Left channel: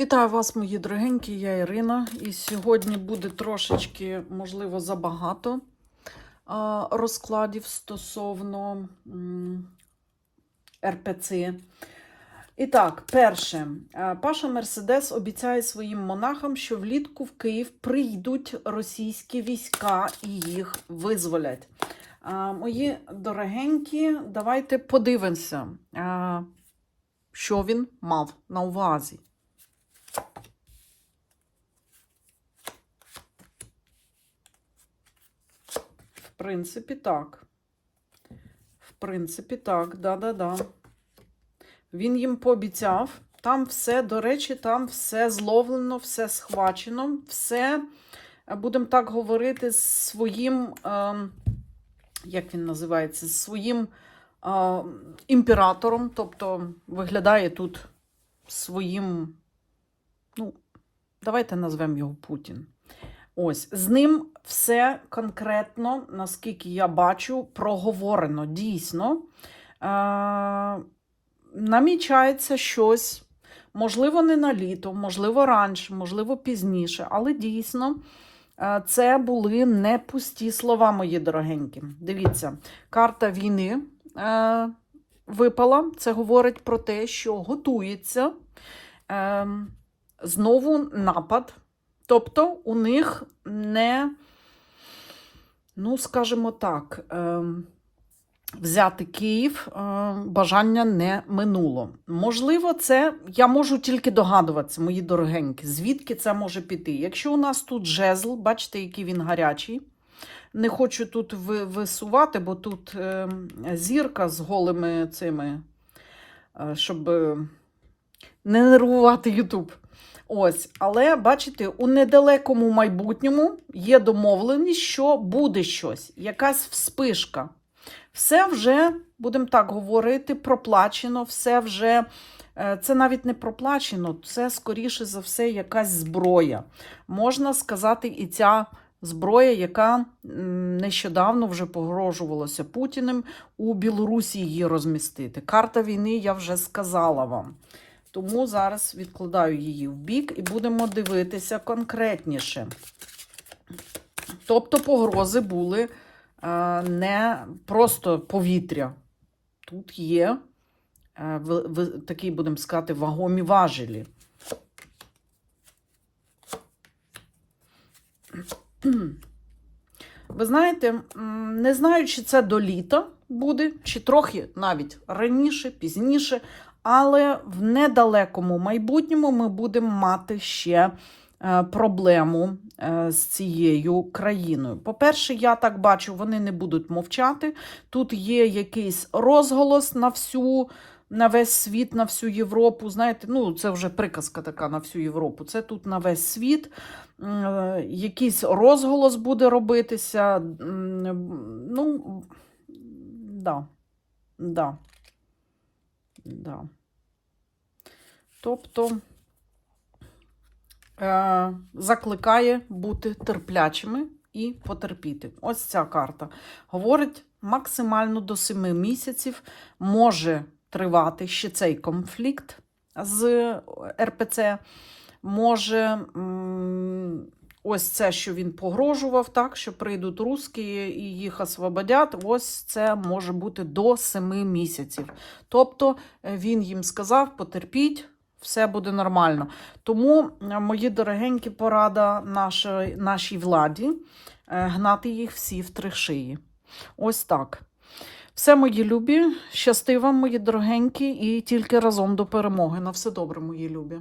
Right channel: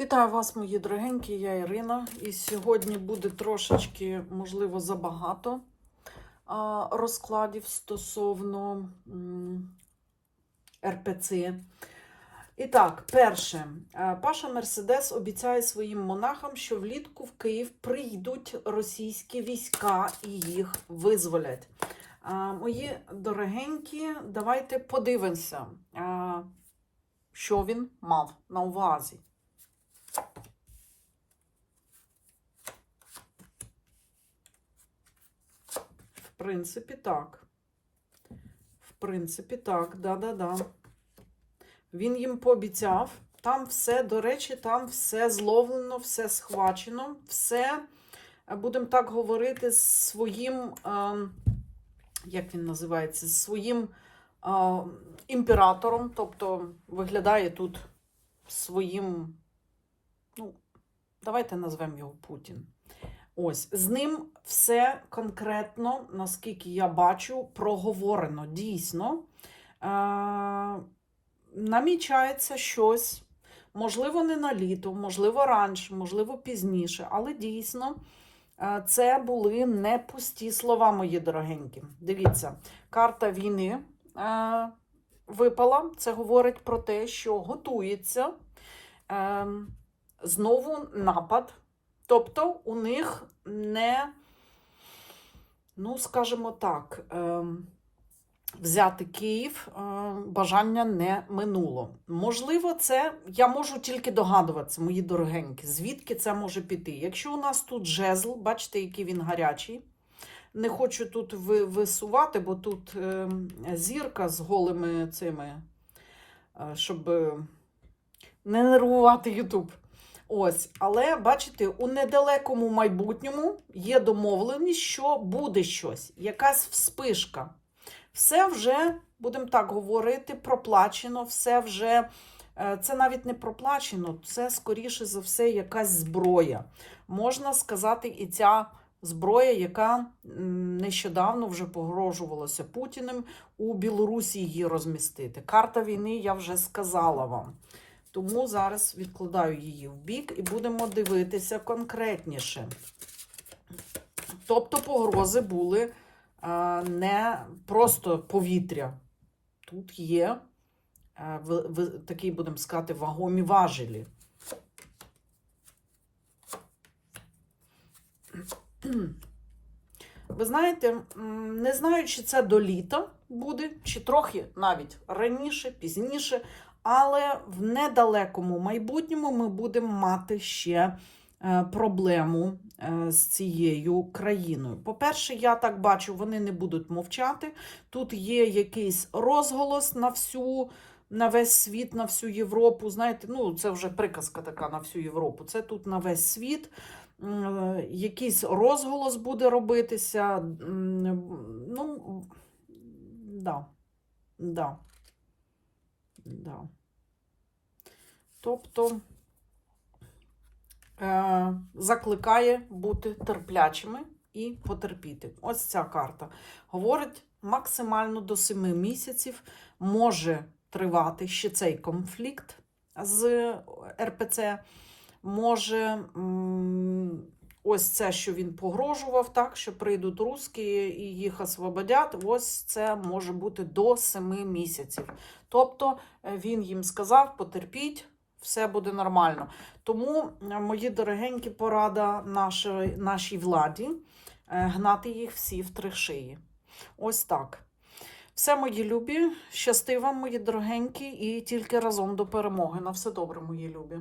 Вітаю вас, мої дорогенькі, я Ірина. І сьогодні буде трошечки, можливо, забагато розкладів стосовно РПЦ. І так, перше, Паша Мерседес обіцяє своїм монахам, що влітку в Київ прийдуть російські війська і їх визволять. Мої дорогенькі, давайте подивимося, що він мав на увазі. Принципі, так. В принципі, так, да-да-да. Він їм пообіцяв. Там все, до речі, там все зловлено, все схвачено, все, е, будемо так говорити, з своїм, е, як він називається, з своїм е, імператором. Тобто виглядає тут своїм, ну, давайте назвемо його Путін. Ось, з ним все конкретно, наскільки я бачу, проговорено. Дійсно, е- намічається щось, можливо, не на літо, можливо, раніше, можливо, пізніше, але дійсно. е, Це були не пусті слова, мої дорогенькі. Дивіться, карта війни е, випала. Це говорить про те, що готується е, знову напад. Тобто у них не, ну, скажімо так, е, взяти Київ е, бажання не минуло. Можливо, це я можу тільки догадуватися, мої дорогенькі, звідки це може піти. Якщо у нас тут жезл, бачите, який він гарячий. Не хочу тут висувати, бо тут е, зірка з голими цими, е, щоб е, не нервувати Ютуб. Ось, але бачите, у недалекому майбутньому є домовленість, що буде щось, якась вспишка. Все вже, будемо так говорити, проплачено, все вже. е, Це навіть не проплачено, це, скоріше за все, якась зброя. Можна сказати, і ця зброя, яка нещодавно вже погрожувалася Путіним у Білорусі її розмістити. Карта війни я вже сказала вам. Тому зараз відкладаю її в бік і будемо дивитися конкретніше. Тобто погрози були е, не просто повітря. Тут є е, такі, будемо сказати, вагомі важелі. Ви знаєте, не знаю, чи це до літа буде, чи трохи навіть раніше, пізніше, але в недалекому майбутньому ми будемо мати ще е, проблему е, з цією країною. По-перше, я так бачу, вони не будуть мовчати. Тут є якийсь розголос на всю. На весь світ, на всю Європу. Знаєте, ну це вже приказка така на всю Європу. Це тут на весь світ. Е, Якийсь розголос буде робитися. Ну, да. Да. Да. Тобто е, закликає бути терплячими і потерпіти. Ось ця карта. Говорить, максимально до 7 місяців може тривати ще цей конфлікт з РПЦ. Може, м, ось це, що він погрожував, так, що прийдуть русські і їх освободять, ось це може бути до 7 місяців. Тобто е, він їм сказав: потерпіть, все буде нормально. Тому, е, мої дорогенькі, порада нашій, нашій владі е, гнати їх всі в три шиї. Ось так. Все, мої любі, щасти вам, мої дорогенькі, і тільки разом до перемоги. На все добре, мої любі.